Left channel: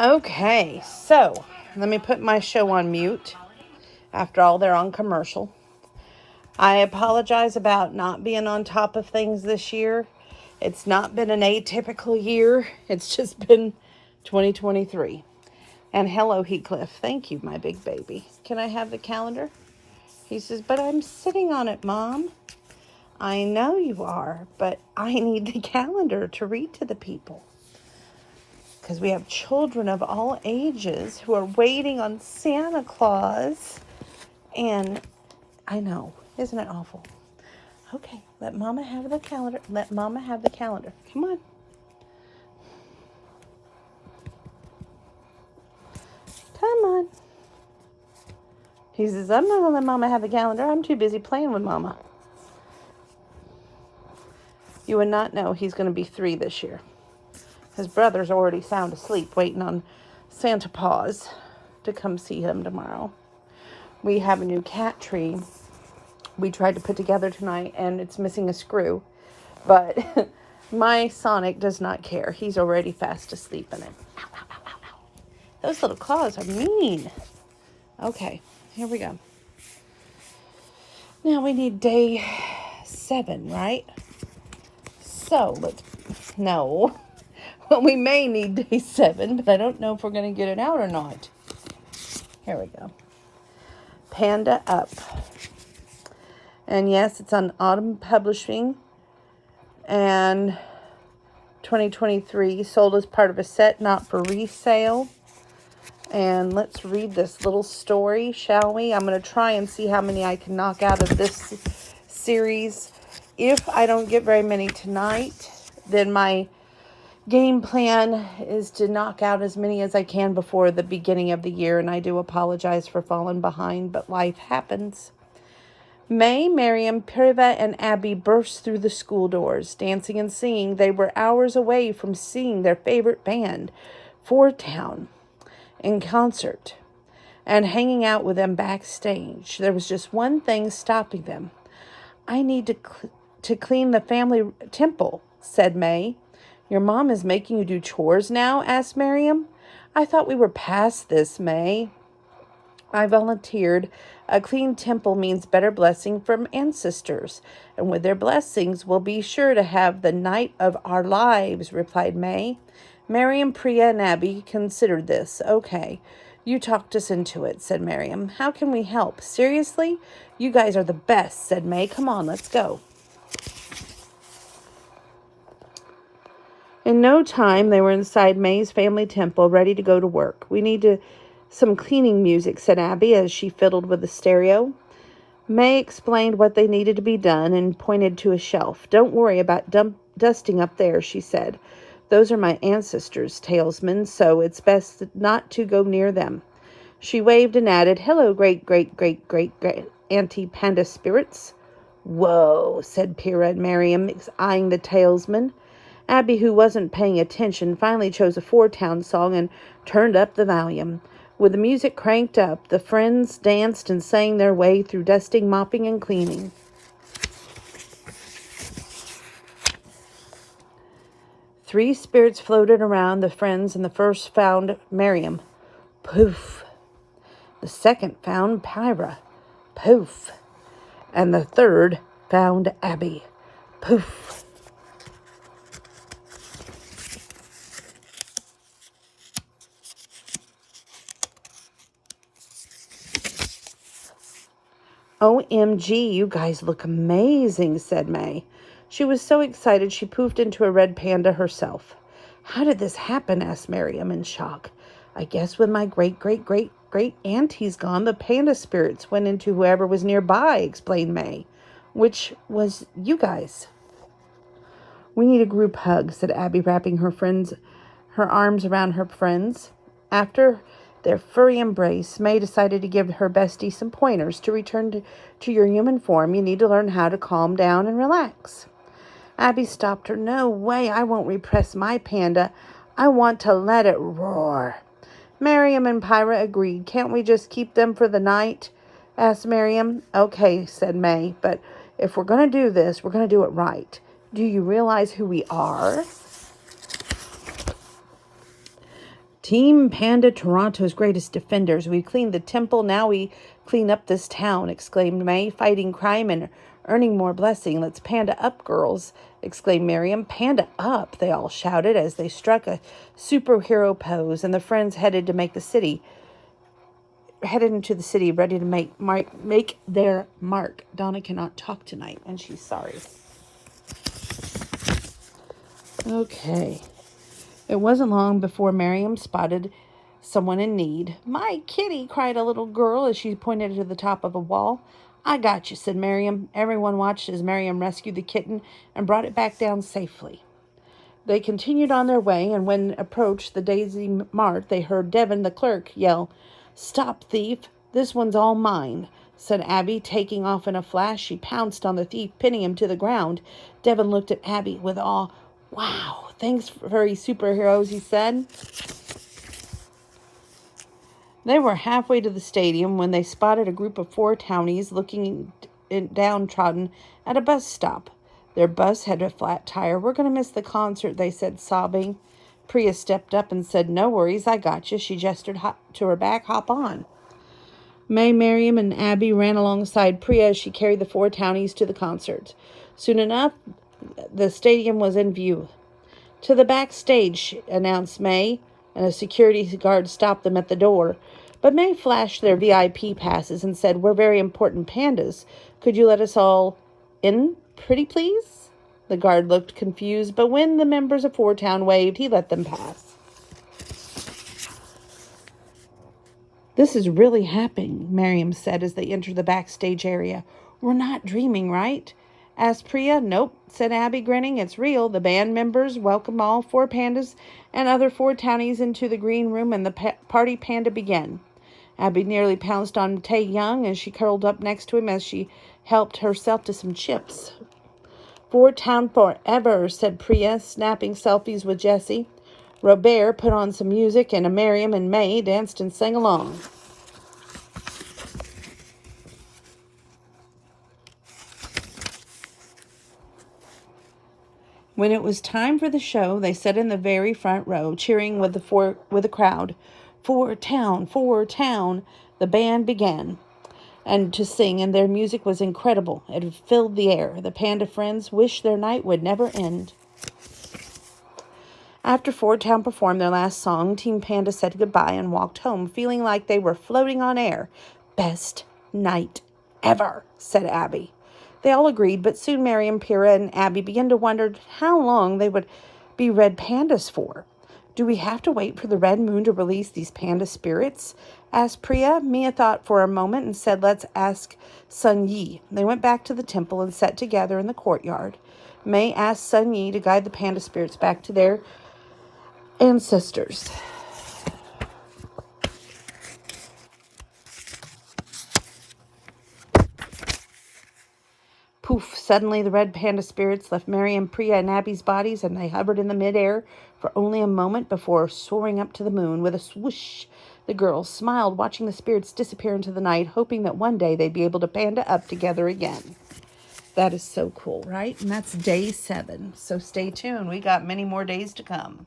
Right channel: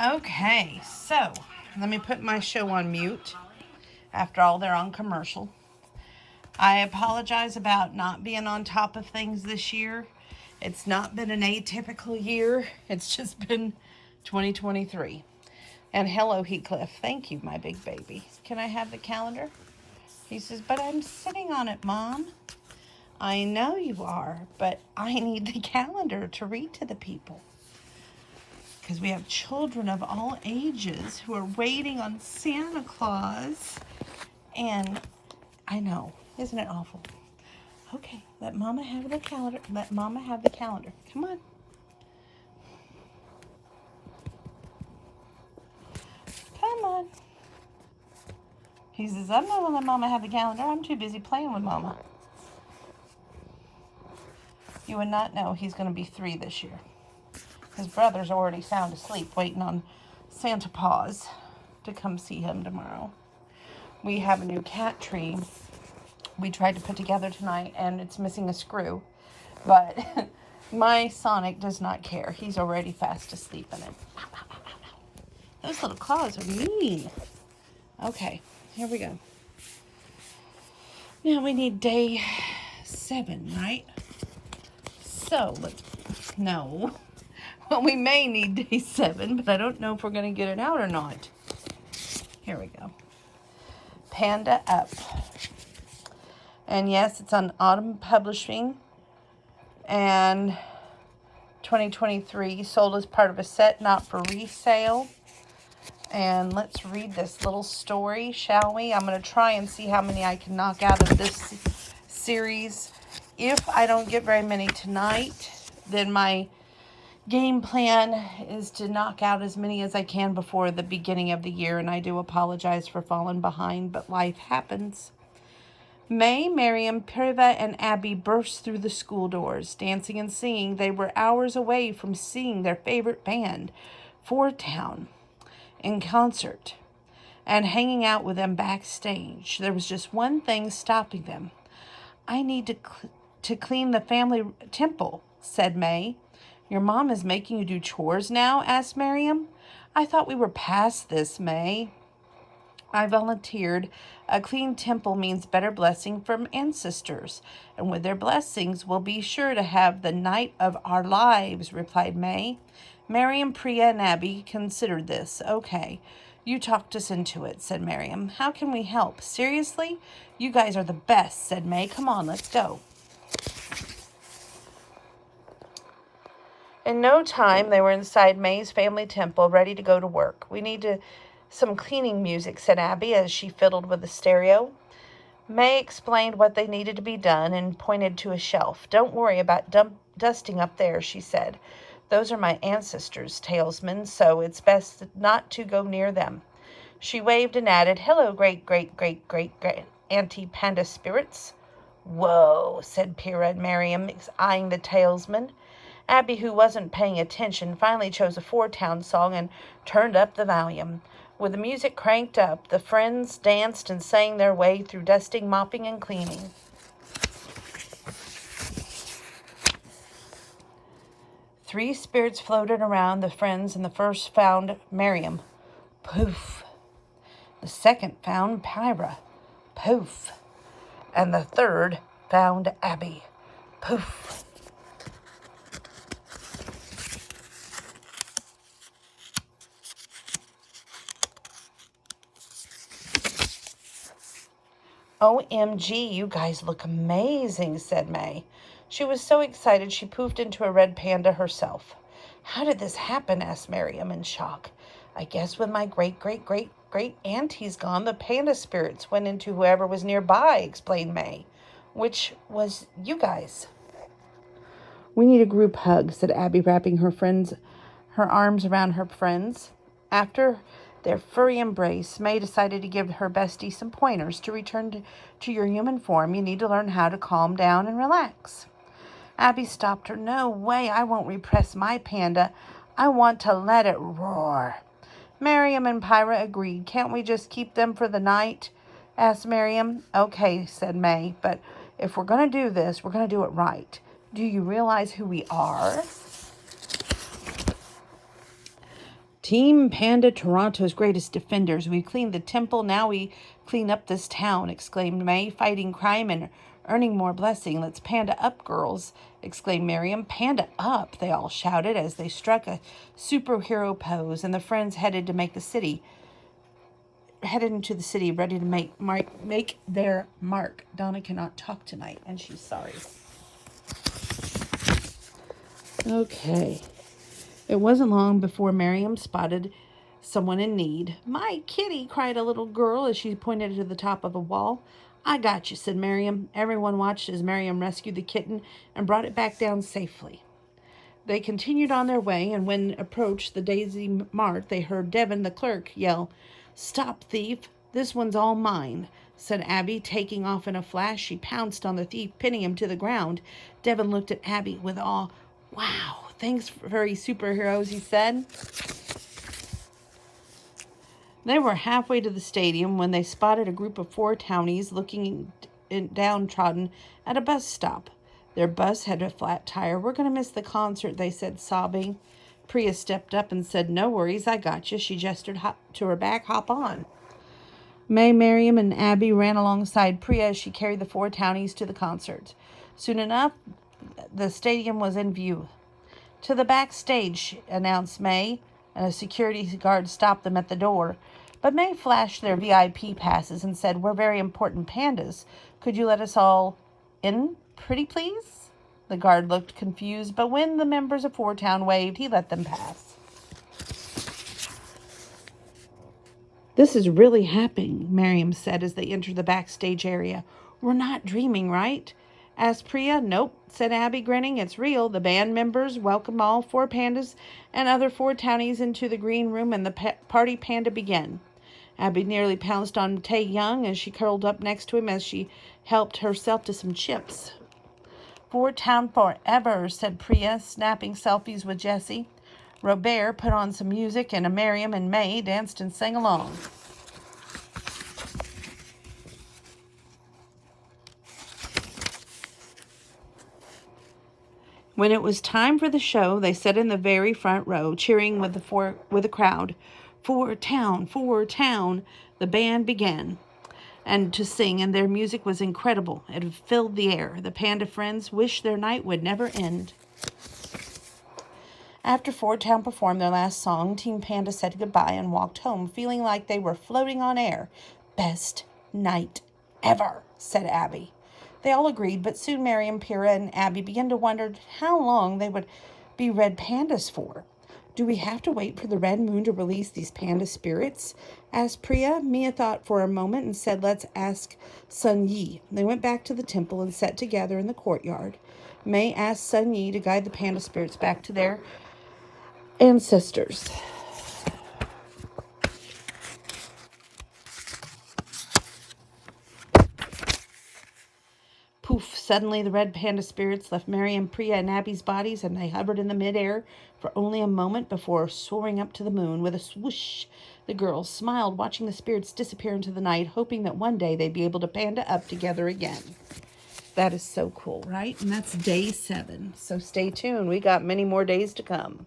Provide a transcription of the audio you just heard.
Okay, so let me put my show on mute. After all, they're on commercial. I apologize about not being on top of things this year. It's not been an atypical year. It's just been 2023. And hello, Heathcliff. Thank you, my big baby. Can I have the calendar? He says, but I'm sitting on it, Mom. I know you are, but I need the calendar to read to the people. Because we have children of all ages who are waiting on Santa Claus. And I know, isn't it awful? Okay, let Mama have the calendar. Let Mama have the calendar. Come on. Come on. He says, I'm not going to let Mama have the calendar. I'm too busy playing with Mama. You would not know he's going to be 3 this year. His brother's already sound asleep waiting on Santa Paws to come see him tomorrow. We have a new cat tree we tried to put together tonight, and it's missing a screw. But my Sonic does not care. He's already fast asleep in it. Those little claws are mean. Okay, here we go. Now we need day 7, right? So no. Well, we may need day 7, but I don't know if we're going to get it out or not. Here we go. Panda Up. And yes, it's on Autumn Publishing. And 2023, sold as part of a set, not for resale. And let's read this little story, shall we? I'm going to try and see how many I can knock out of this series. If I don't get very many tonight, then my game plan is to knock out as many as I can before the beginning of the year. And I do apologize for falling behind, but life happens. May, Miriam, Priva, and Abby burst through the school doors, dancing and singing. They were hours away from seeing their favorite band, Ford Town, in concert and hanging out with them backstage. There was just one thing stopping them. I need to clean the family temple, said May. Your mom is making you do chores now? Asked Miriam. I thought we were past this, May. I volunteered. A clean temple means better blessing from ancestors, and with their blessings we'll be sure to have the night of our lives, replied May. Miriam, Priya, and Abby considered this. Okay, you talked us into it, said Miriam. How can we help? Seriously? You guys are the best, said May. Come on, let's go. In no time, they were inside May's family temple, ready to go to work. We need some cleaning music, said Abby as she fiddled with the stereo. May explained what they needed to be done and pointed to a shelf. Don't worry about dusting up there, she said. Those are my ancestors, talesmen, so it's best not to go near them. She waved and added, hello, great Auntie Panda spirits. Whoa, said Pyrrha and Miriam, eyeing the talesman. Abby, who wasn't paying attention, finally chose a Ford Town song and turned up the volume. With the music cranked up, the friends danced and sang their way through dusting, mopping, and cleaning. 3 spirits floated around the friends, and the first found Miriam. Poof. The second found Pyra. Poof. And the third found Abby. Poof. OMG, you guys look amazing, said May. She was so excited she poofed into a red panda herself. How did this happen? Asked Miriam in shock. I guess when my great-great-great-great-auntie's gone, the panda spirits went into whoever was nearby, explained May. Which was you guys. We need a group hug, said Abby, wrapping her arms around her friends. After their furry embrace, May decided to give her bestie some pointers. To return to your human form, you need to learn how to calm down and relax. Abby stopped her. No way, I won't repress my panda. I want to let it roar. Miriam and Pyra agreed. Can't we just keep them for the night? Asked Miriam. Okay, said May, but if we're going to do this, we're going to do it right. Do you realize who we are? Team Panda, Toronto's greatest defenders. We cleaned the temple, now we clean up this town, exclaimed May, fighting crime and earning more blessing. Let's panda up, girls, exclaimed Miriam. Panda up, they all shouted as they struck a superhero pose, and the friends headed into the city, ready to make their mark. Donna cannot talk tonight, and she's sorry. Okay. It wasn't long before Miriam spotted someone in need. My kitty, cried a little girl as she pointed to the top of a wall. I got you, said Miriam. Everyone watched as Miriam rescued the kitten and brought it back down safely. They continued on their way, and when approached the Daisy Mart, they heard Devin, the clerk, yell, Stop, thief! This one's all mine, said Abby. Taking off in a flash, she pounced on the thief, pinning him to the ground. Devin looked at Abby with awe. Wow, thanks, furry superheroes, he said. They were halfway to the stadium when they spotted a group of 4 townies looking downtrodden at a bus stop. Their bus had a flat tire. We're going to miss the concert, they said, sobbing. Priya stepped up and said, No worries, I got you. She gestured to her back. Hop on. May, Miriam, and Abby ran alongside Priya as she carried the 4 townies to the concert. Soon enough, the stadium was in view. To the backstage, announced May, and a security guard stopped them at the door. But May flashed their VIP passes and said, We're very important pandas. Could you let us all in, pretty please? The guard looked confused, but when the members of 4 Town waved, he let them pass. This is really happening, Miriam said as they entered the backstage area. We're not dreaming, right? Asked Priya. Nope, said Abby, grinning. It's real. The band members welcomed all 4 pandas and other 4 townies into the green room, and the party panda began. Abby nearly pounced on Tae Young as she curled up next to him as she helped herself to some chips. 4 Town forever, said Priya, snapping selfies with Jessie. Robert put on some music, and Miriam and May danced and sang along. When it was time for the show, they sat in the very front row, cheering with the crowd. 4 Town, 4 Town. The band began and to sing, and their music was incredible. It filled the air. The panda friends wished their night would never end. After 4 Town performed their last song, Team Panda said goodbye and walked home, feeling like they were floating on air. Best night ever, said Abby. They all agreed, but soon Miriam, Pyrrha, and Abby began to wonder how long they would be red pandas for. Do we have to wait for the red moon to release these panda spirits? Asked Priya. Mia thought for a moment and said, Let's ask Sun Yi. They went back to the temple and sat together in the courtyard. May asked Sun Yi to guide the panda spirits back to their ancestors. Poof! Suddenly the red panda spirits left Miriam, Priya, and Abby's bodies, and they hovered in the midair for only a moment before soaring up to the moon. With a swoosh, the girls smiled, watching the spirits disappear into the night, hoping that one day they'd be able to panda up together again. That is so cool, right? And that's day 7. So stay tuned. We got many more days to come.